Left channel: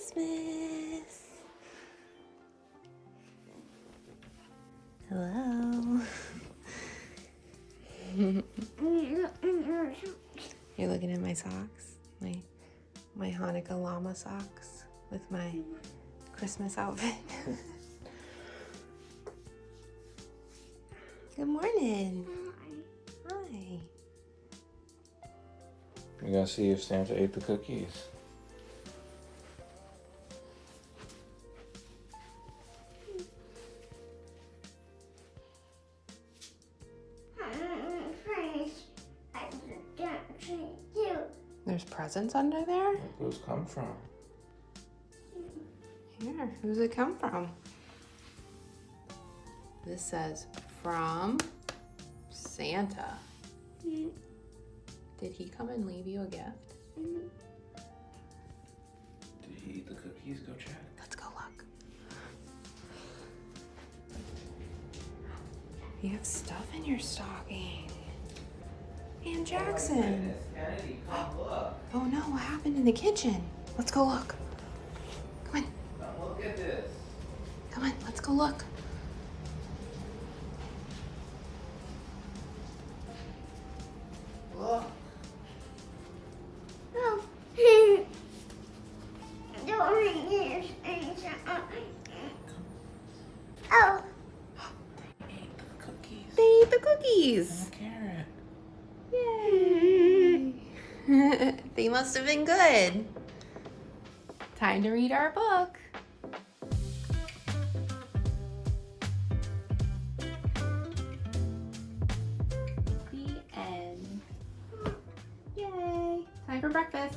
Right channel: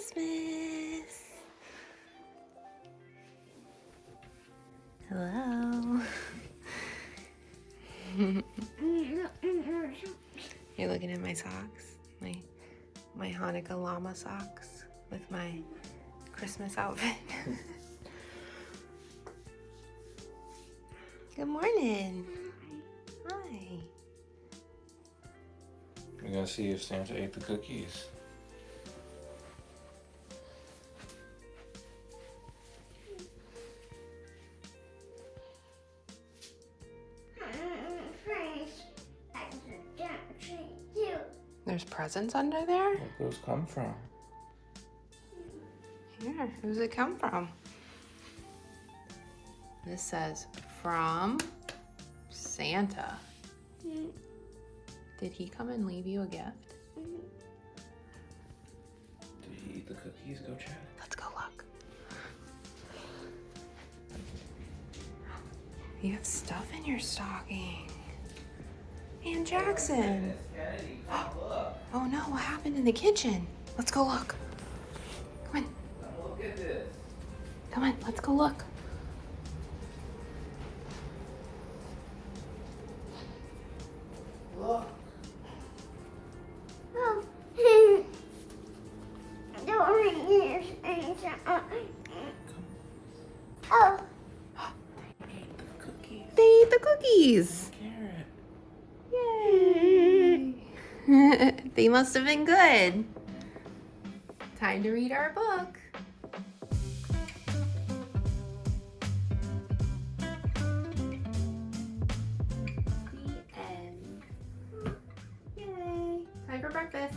Christmas. Hello. You're looking at my socks, my Hanukkah llama socks with my Christmas outfit. Good morning. Hi. We're gonna see if Santa ate the cookies. There's presents under there? Where those come from? Here, who's it come from? This says, from Santa. Did he come and leave you a gift? Did he eat the cookies? Go check. Let's go look. You have stuff in your stocking. And Jackson. Oh no, what happened in the kitchen? Let's go look. Come on. Look at this. Come on, let's go look. Look. Oh. Oh. Cookies. They eat the cookies. Carrot. Yay. They must have been good. Time to read our book. The end. Yay. Time for breakfast.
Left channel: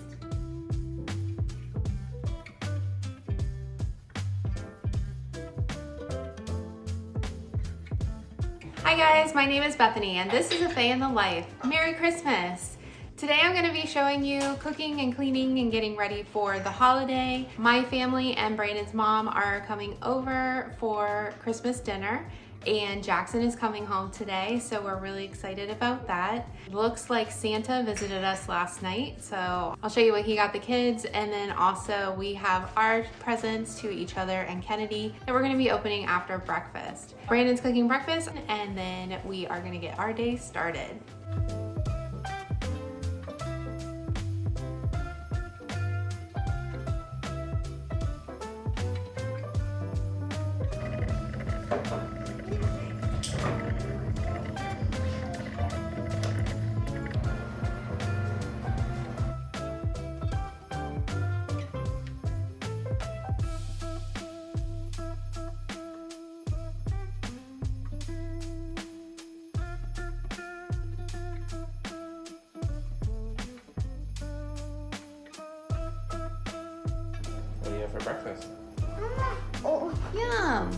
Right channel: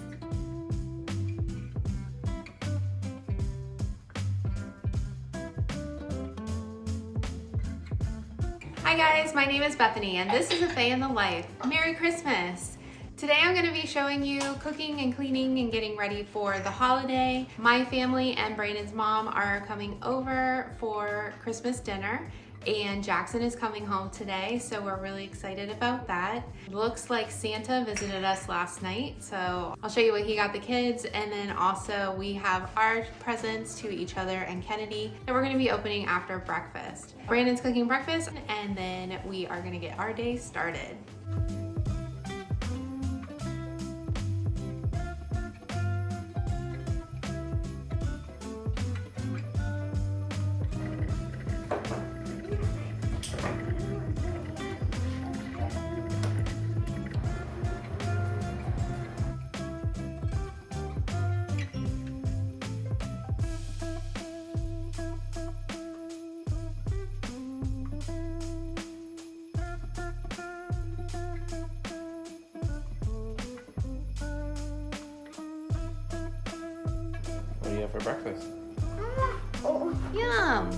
Hi guys, my name is Bethany and this is a Faye in the Life. Merry Christmas! Today I'm going to be showing you cooking and cleaning and getting ready for the holiday. My family and Brandon's mom are coming over for Christmas dinner and Jackson is coming home today, so we're really excited about that. Looks like Santa visited us last night, so I'll show you what he got the kids, and then also we have our presents to each other and Kennedy that we're going to be opening after breakfast. Brandon's cooking breakfast and then we are going to get our day started. What do you have for breakfast? Oh. Yum!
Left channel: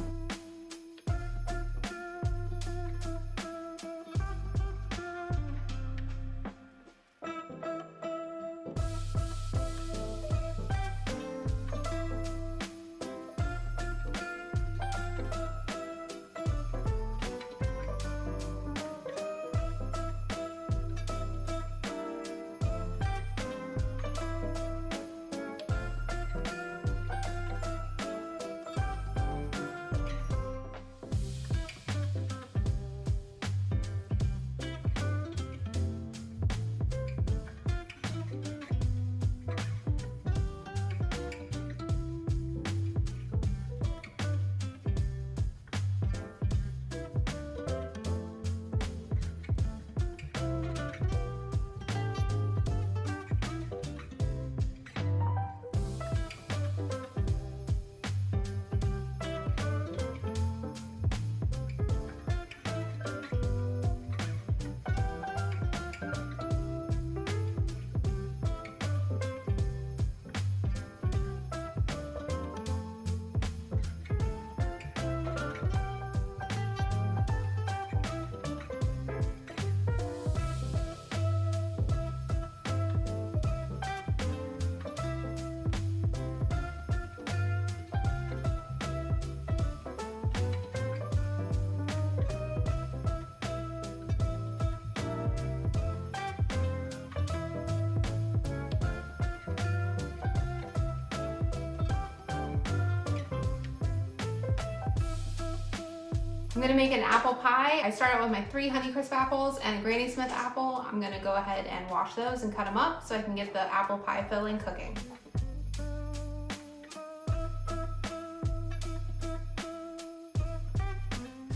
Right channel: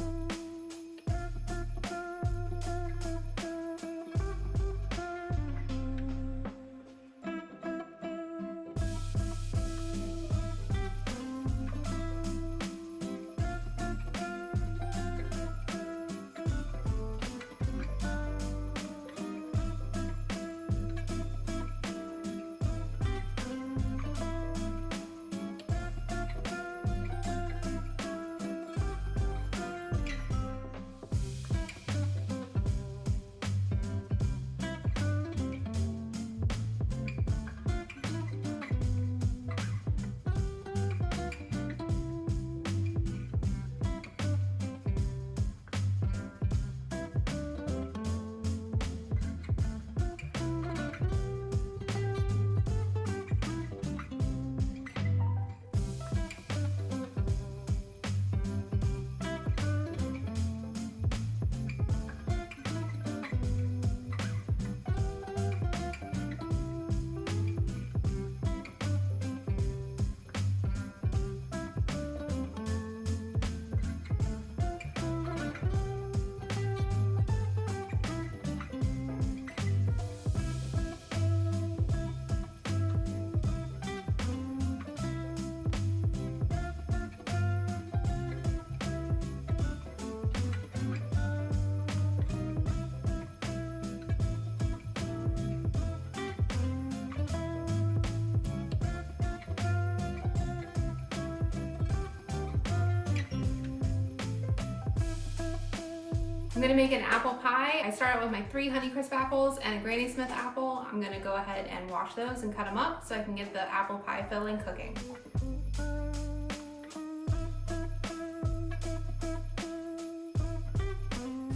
I'm gonna make an apple pie. I started with my 3 Honeycrisp apples and a Granny Smith apple. I'm gonna go ahead and wash those and cut them up so I can get the apple pie filling cooking.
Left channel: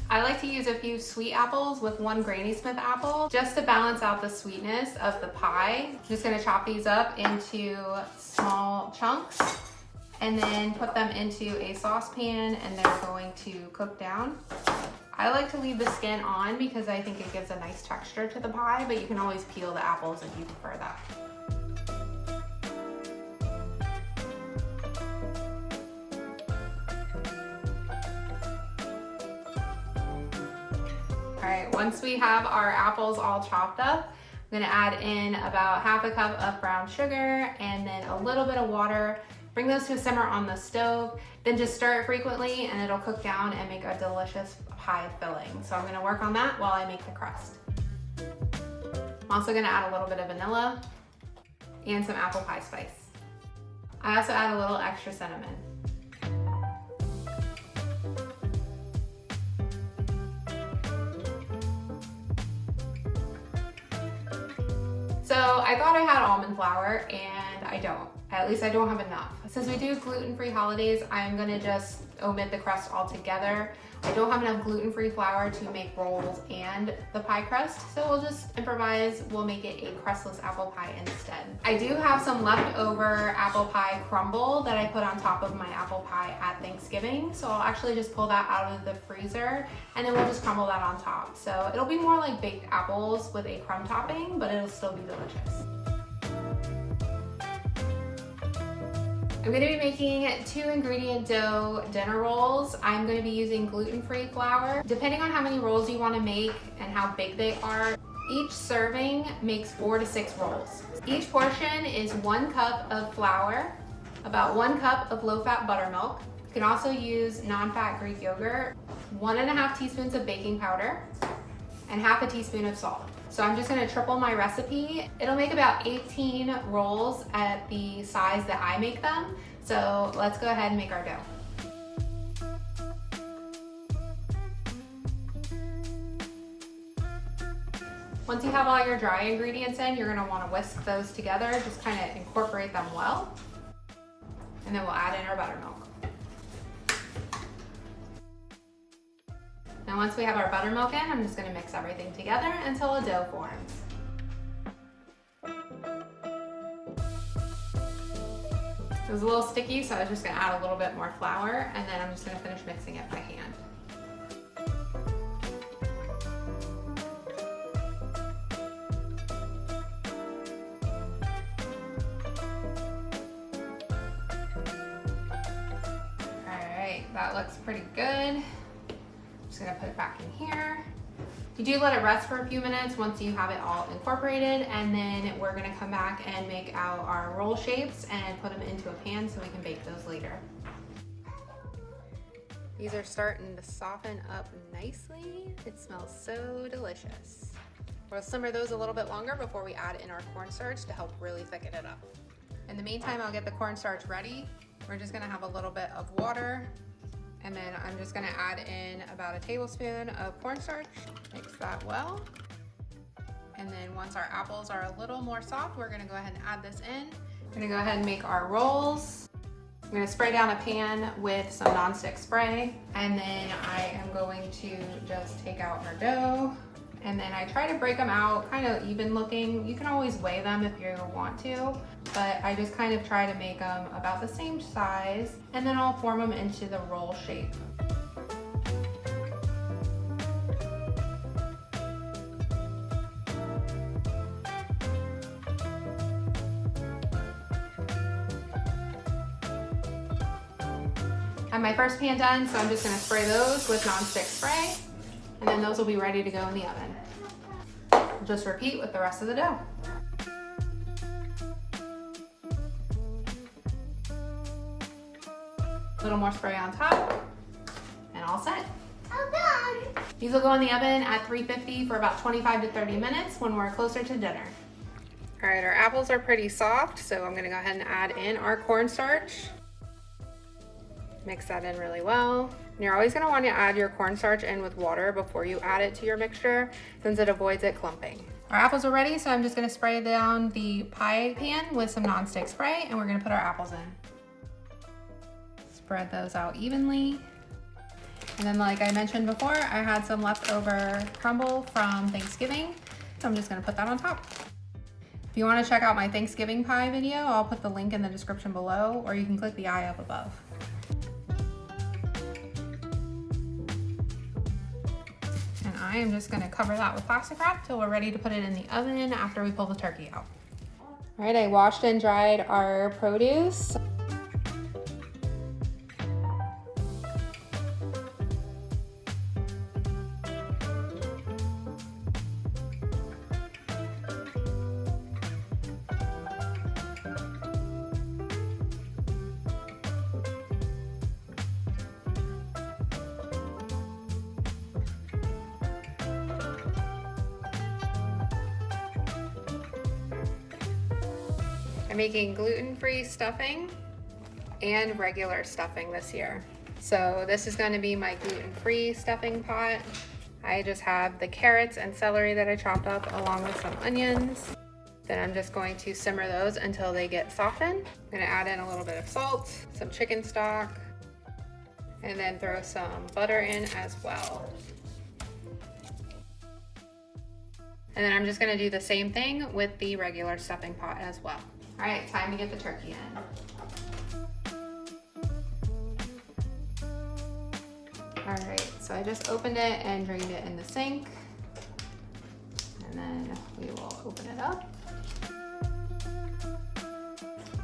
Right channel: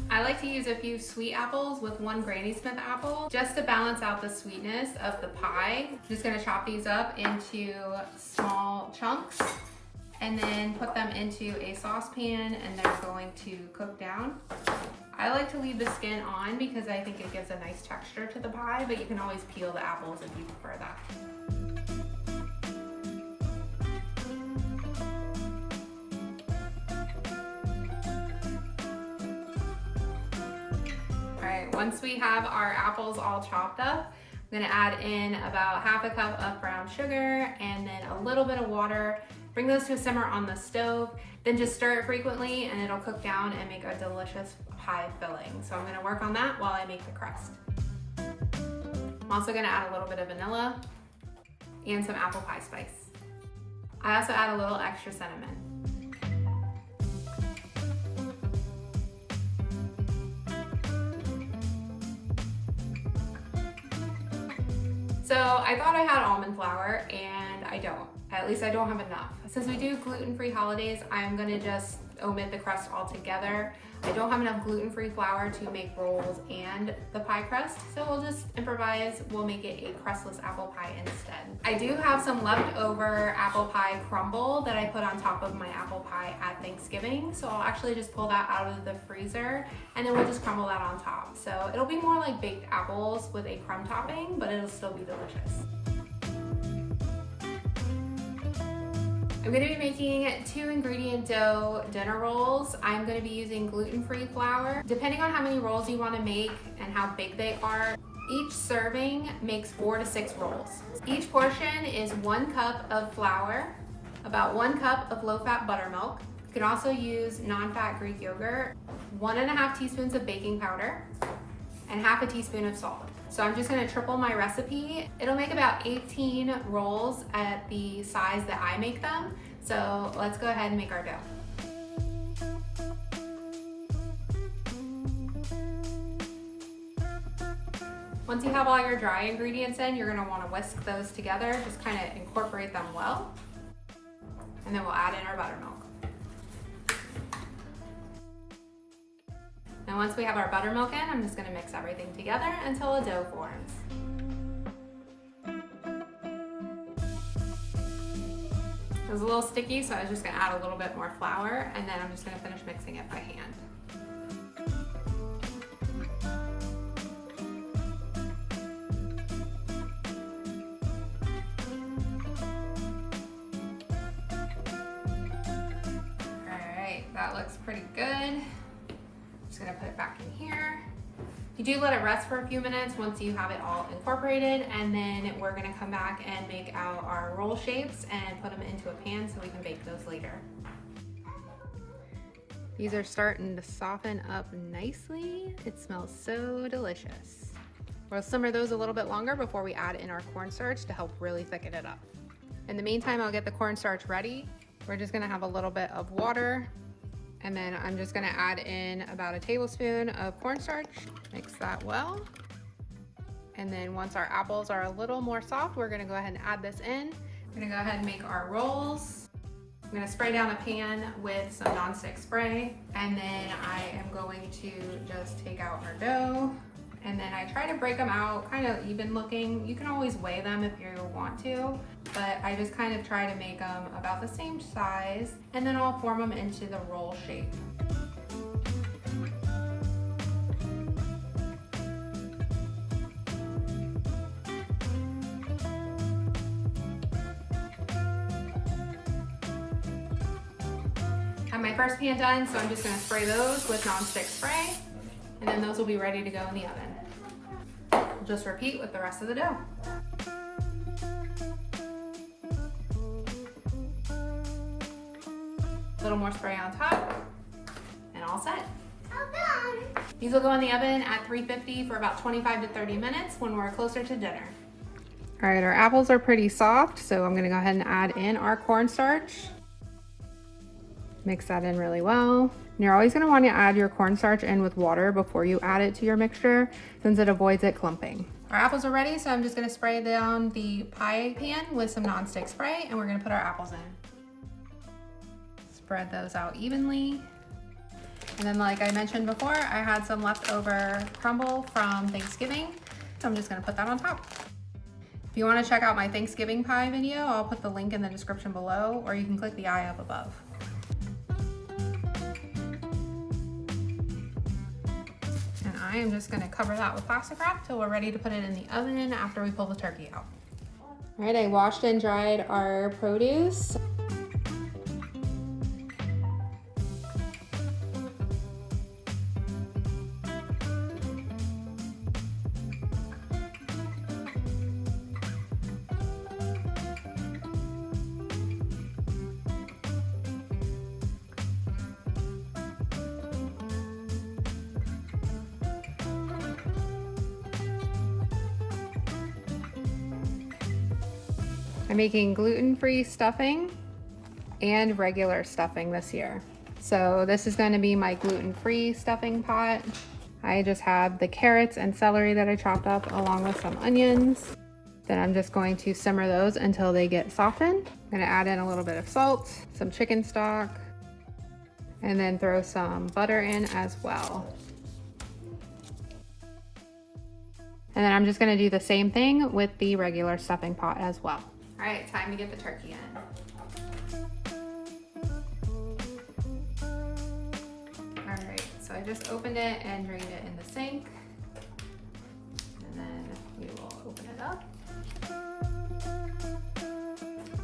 I like to use a few sweet apples with 1 Granny Smith apple just to balance out the sweetness of the pie. I'm just gonna chop these up into small chunks and then put them into a saucepan, and they're going to cook down. I like to leave the skin on because I think it gives a nice texture to the pie, but you can always peel the apples if you prefer that. All right, once we have our apples all chopped up, I'm gonna add in about ½ a cup of brown sugar and then a little bit of water. Bring those to a simmer on the stove, then just stir it frequently and it'll cook down and make a delicious pie filling. So I'm gonna work on that while I make the crust. I'm also gonna add a little bit of vanilla and some apple pie spice. I also add a little extra cinnamon. So I thought I had almond flour and I don't. At least I don't have enough. Since we do gluten-free holidays, I'm gonna just omit the crust altogether. I don't have enough gluten-free flour to make rolls and the pie crust, so we'll just improvise. We'll make it a crustless apple pie instead. I do have some leftover apple pie crumble that I put on top of my apple pie at Thanksgiving, so I'll actually just pull that out of the freezer and then we'll just crumble that on top. So it'll be more like baked apples with a crumb topping, but it'll still be delicious. I'm gonna be making 2 ingredient dough dinner rolls. I'm gonna be using gluten-free flour. Depending on how many rolls you wanna make and how big they are, each serving makes 4 to 6 rolls. Each portion is 1 cup of flour, about 1 cup of low-fat buttermilk. You can also use non-fat Greek yogurt, 1½ teaspoons of baking powder, and ½ a teaspoon of salt. So I'm just gonna triple my recipe. It'll make about 18 rolls at the size that I make them. So let's go ahead and make our dough. Once you have all your dry ingredients in, you're gonna wanna whisk those together, just kind of incorporate them well. And then we'll add in our buttermilk. And once we have our buttermilk in, I'm just gonna mix everything together until a dough forms. It was a little sticky, so I was just gonna add a little bit more flour, and then I'm just gonna finish mixing it by hand. All right, that looks pretty good. Just gonna put it back in here. You do let it rest for a few minutes once you have it all incorporated, and then we're gonna come back and make out our roll shapes and put them into a pan so we can bake those later. These are starting to soften up nicely. It smells so delicious. We'll simmer those a little bit longer before we add in our cornstarch to help really thicken it up. In the meantime, I'll get the cornstarch ready. We're just gonna have a little bit of water, and then I'm just gonna add in about a tablespoon of cornstarch. Mix that well. And then once our apples are a little more soft, we're gonna go ahead and add this in. We're gonna go ahead and make our rolls. I'm gonna spray down a pan with some nonstick spray. And then I am going to just take out our dough. And then I try to break them out kind of even looking. You can always weigh them if you want to, but I just kind of try to make them about the same size, and then I'll form them into the roll shape. I have my first pan done, so I'm just gonna spray those with nonstick spray. And then those will be ready to go in the oven. We'll just repeat with the rest of the dough. A little more spray on top, and all set. These will go in the oven at 350 for about 25 to 30 minutes when we're closer to dinner. All right, our apples are pretty soft, so I'm gonna go ahead and add in our cornstarch. Mix that in really well. And you're always gonna want to add your cornstarch in with water before you add it to your mixture, since it avoids it clumping. Our apples are ready, so I'm just gonna spray down the pie pan with some nonstick spray, and we're gonna put our apples in. Spread those out evenly. And then, like I mentioned before, I had some leftover crumble from Thanksgiving, so I'm just gonna put that on top. If you want to check out my Thanksgiving pie video, I'll put the link in the description below, or you can click the eye up above. And I am just going to cover that with plastic wrap till we're ready to put it in the oven after we pull the turkey out. All right, I washed and dried our produce. I'm making gluten-free stuffing and regular stuffing this year. So this is going to be my gluten-free stuffing pot. I just have the carrots and celery that I chopped up along with some onions. Then I'm just going to simmer those until they get softened. I'm going to add in a little bit of salt, some chicken stock, and then throw some butter in as well. And then I'm just going to do the same thing with the regular stuffing pot as well. All right, time to get the turkey in. All right, so I just opened it and drained it in the sink. And then we will open it up.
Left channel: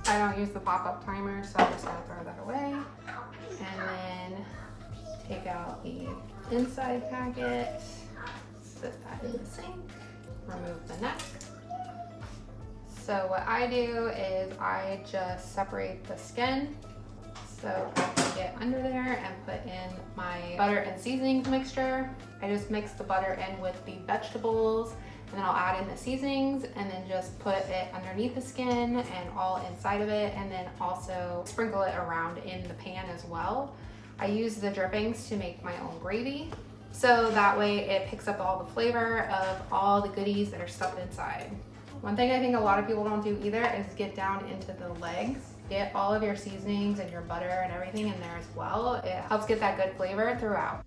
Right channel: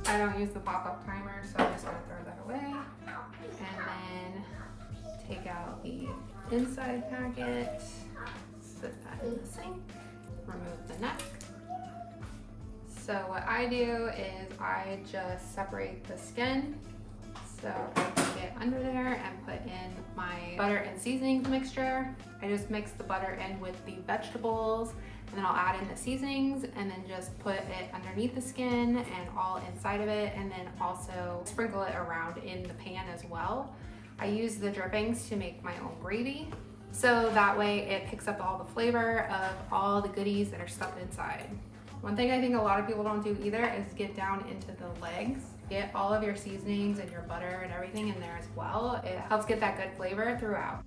I don't use the pop-up timer, so I'm just gonna throw that away. And then take out the inside packet, sit that in the sink, remove the neck. So what I do is I just separate the skin so I can get under there and put in my butter and seasonings mixture. I just mix the butter in with the vegetables, and then I'll add in the seasonings and then just put it underneath the skin and all inside of it, and then also sprinkle it around in the pan as well. I use the drippings to make my own gravy, so that way it picks up all the flavor of all the goodies that are stuffed inside. One thing I think a lot of people don't do either is get down into the legs. Get all of your seasonings and your butter and everything in there as well. It helps get that good flavor throughout.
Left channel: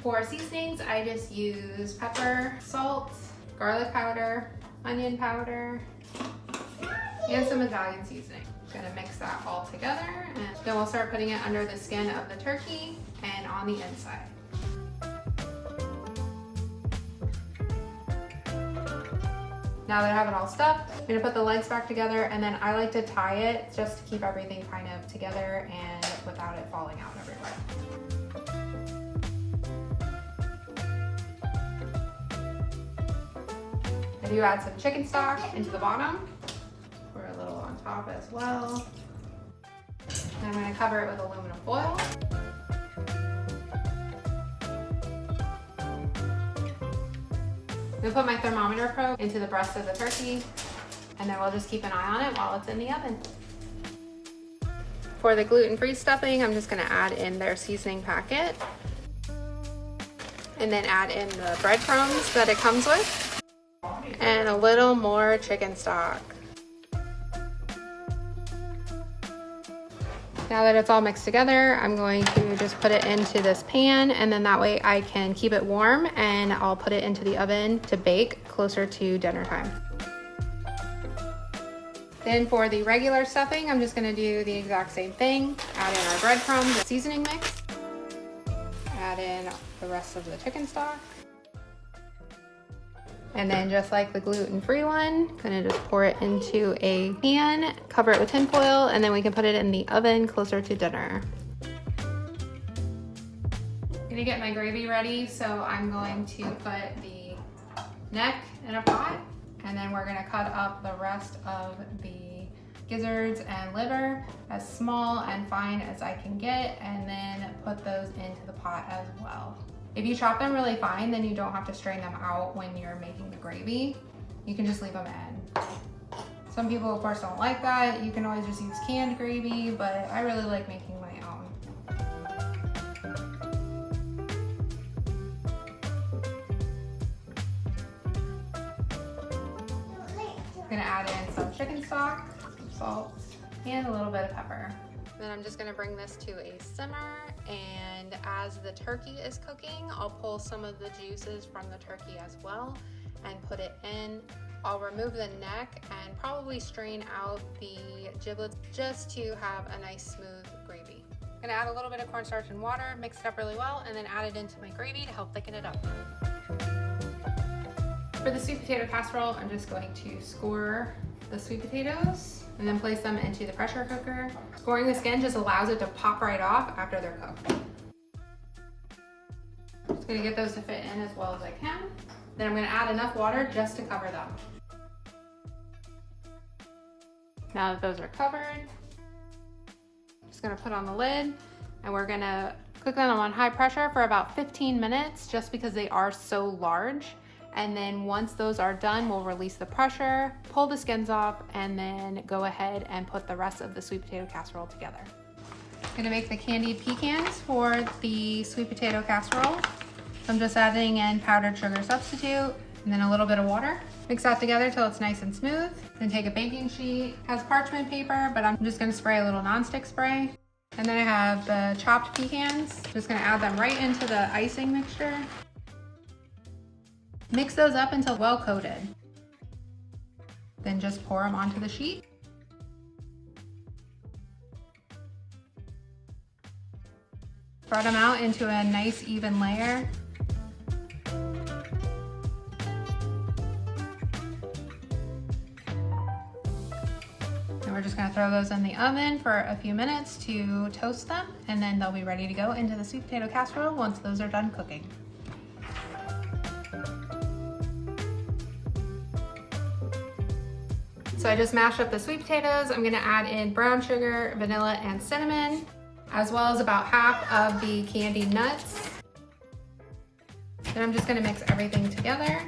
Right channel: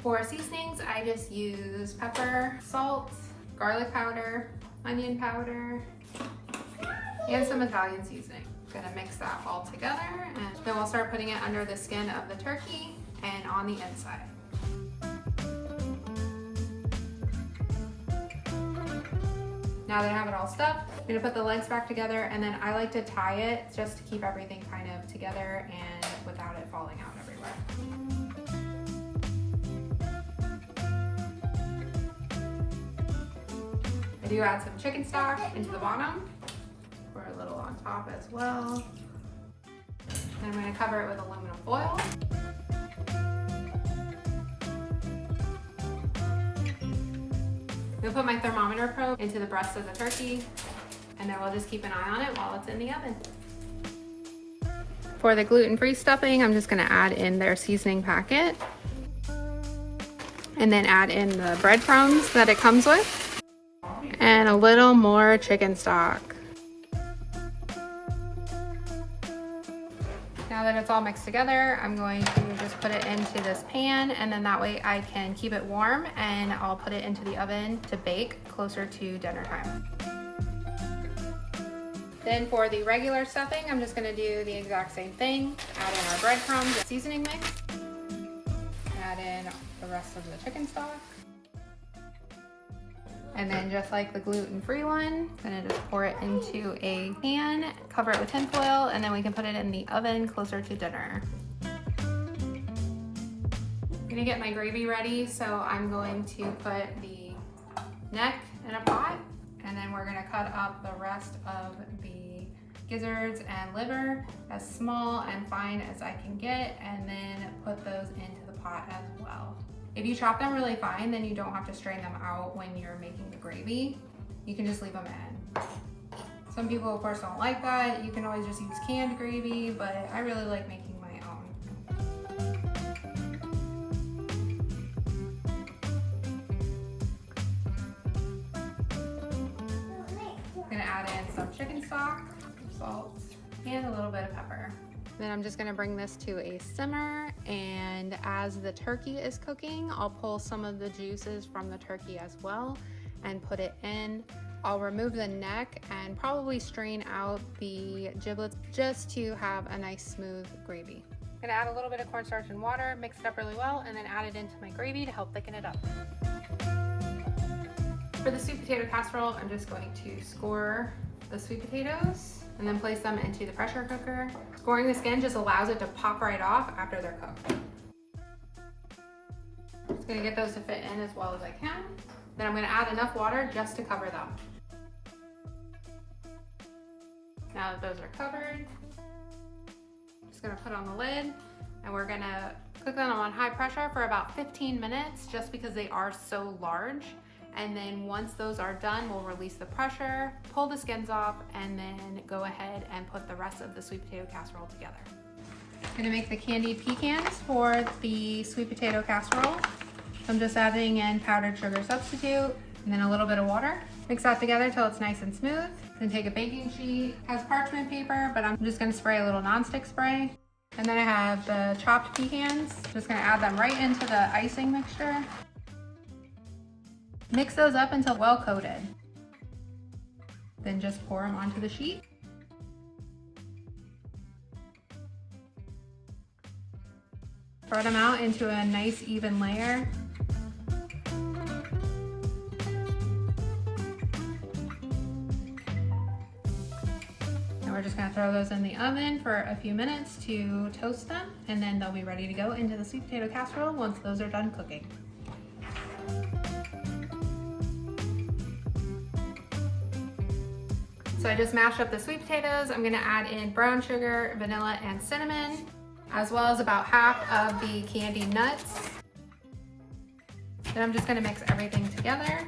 For seasonings, I just use pepper, salt, garlic powder, onion powder, and some Italian seasoning. I'm gonna mix that all together, and then we'll start putting it under the skin of the turkey and on the inside. Now that I have it all stuffed, I'm gonna put the legs back together, and then I like to tie it just to keep everything kind of together and without it falling out everywhere. I do add some chicken stock into the bottom. Pour a little on top as well. And I'm gonna cover it with aluminum foil. I'm gonna put my thermometer probe into the breast of the turkey, and then we'll just keep an eye on it while it's in the oven. For the gluten-free stuffing, I'm just gonna add in their seasoning packet, and then add in the breadcrumbs that it comes with, and a little more chicken stock. Now that it's all mixed together, I'm going to just put it into this pan, and then that way I can keep it warm, and I'll put it into the oven to bake closer to dinner time. Then for the regular stuffing, I'm just gonna do the exact same thing. Add in our breadcrumbs, the seasoning mix, add in the rest of the chicken stock. And then just like the gluten-free one, gonna just pour it into a pan, cover it with tin foil, and then we can put it in the oven closer to dinner. I'm gonna get my gravy ready, so I'm going to put the neck in a pot, and then we're gonna cut up the rest of the gizzards and liver as small and fine as I can get, and then put those into the pot as well. If you chop them really fine, then you don't have to strain them out when you're making the gravy. You can just leave them in. Some people, of course, don't like that. You can always just use canned gravy, but I really like making chicken stock, salt, and a little bit of pepper. Then I'm just gonna bring this to a simmer, and as the turkey is cooking, I'll pull some of the juices from the turkey as well and put it in. I'll remove the neck and probably strain out the giblets just to have a nice smooth gravy. I'm gonna add a little bit of cornstarch and water, mix it up really well, and then add it into my gravy to help thicken it up. For the sweet potato casserole, I'm just going to score the sweet potatoes and then place them into the pressure cooker. Scoring the skin just allows it to pop right off after they're cooked. I'm just gonna get those to fit in as well as I can. Then I'm gonna add enough water just to cover them. Now that those are covered, I'm just gonna put on the lid and we're gonna cook them on high pressure for about 15 minutes just because they are so large. And then once those are done, we'll release the pressure, pull the skins off, and then go ahead and put the rest of the sweet potato casserole together. I'm gonna make the candied pecans for the sweet potato casserole. So I'm just adding in powdered sugar substitute and then a little bit of water. Mix that together till it's nice and smooth. Then take a baking sheet, has parchment paper, but I'm just gonna spray a little nonstick spray. And then I have the chopped pecans. Just gonna add them right into the icing mixture. Mix those up until well coated. Then just pour them onto the sheet. Spread them out into a nice even layer. And we're just gonna throw those in the oven for a few minutes to toast them, and then they'll be ready to go into the sweet potato casserole once those are done cooking. So I just mashed up the sweet potatoes. I'm gonna add in brown sugar, vanilla, and cinnamon, as well as about half of the candied nuts. Then I'm just gonna mix everything together.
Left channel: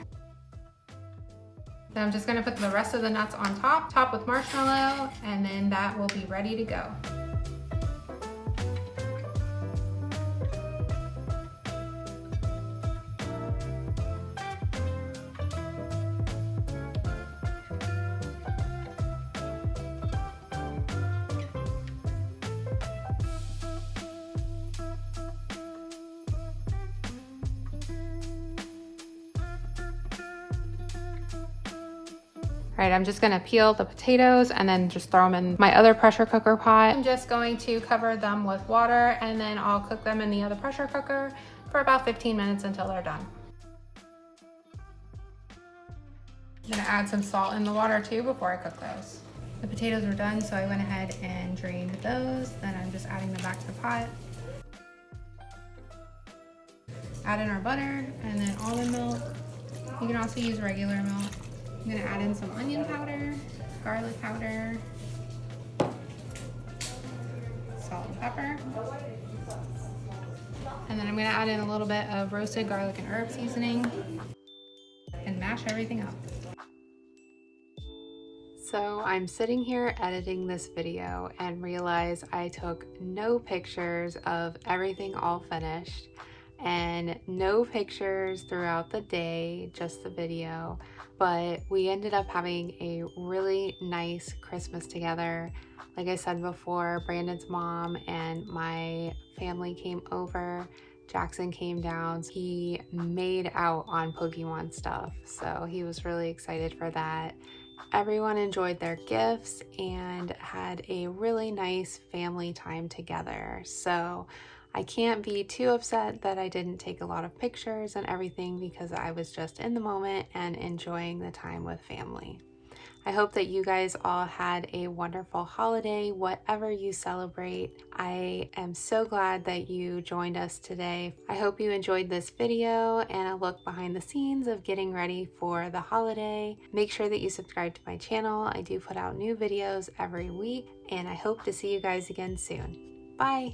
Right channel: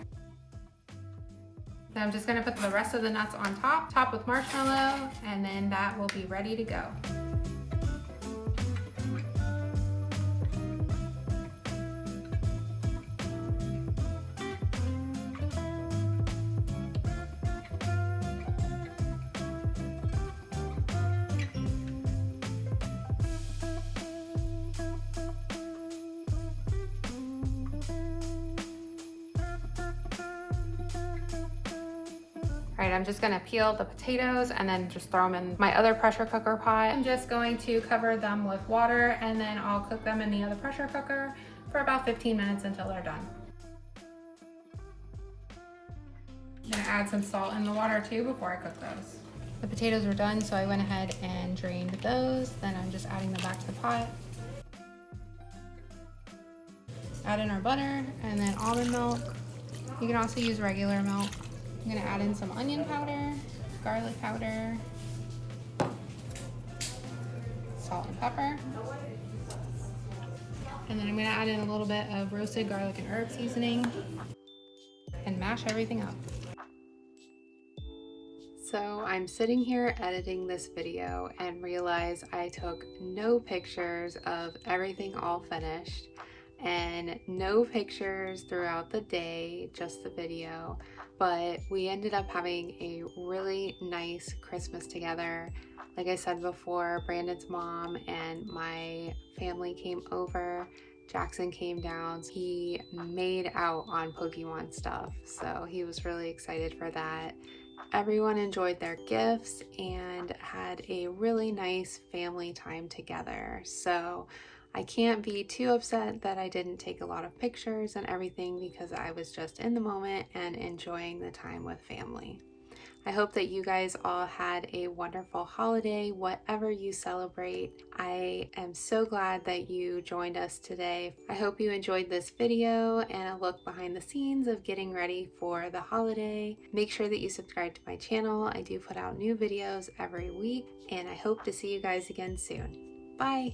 Then I'm just gonna put the rest of the nuts on top with marshmallow, and then that will be ready to go. All right, I'm just gonna peel the potatoes and then just throw them in my other pressure cooker pot. I'm just going to cover them with water and then I'll cook them in the other pressure cooker for about 15 minutes until they're done. I'm gonna add some salt in the water too before I cook those. The potatoes are done, so I went ahead and drained those. Then I'm just adding them back to the pot. Add in our butter and then almond milk. You can also use regular milk. I'm gonna add in some onion powder, garlic powder, salt and pepper. And then I'm gonna add in a little bit of roasted garlic and herb seasoning and mash everything up. So I'm sitting here editing this video and realize I took no pictures of everything all finished and no pictures throughout the day, just the video. But we ended up having a really nice Christmas together. Like I said before, Brandon's mom and my family came over. Jackson came down. He made out on Pokemon stuff, so he was really excited for that. Everyone enjoyed their gifts and had a really nice family time together. So I can't be too upset that I didn't take a lot of pictures and everything because I was just in the moment and enjoying the time with family. I hope that you guys all had a wonderful holiday, whatever you celebrate. I am so glad that you joined us today. I hope you enjoyed this video and a look behind the scenes of getting ready for the holiday. Make sure that you subscribe to my channel. I do put out new videos every week, and I hope to see you guys again soon. Bye!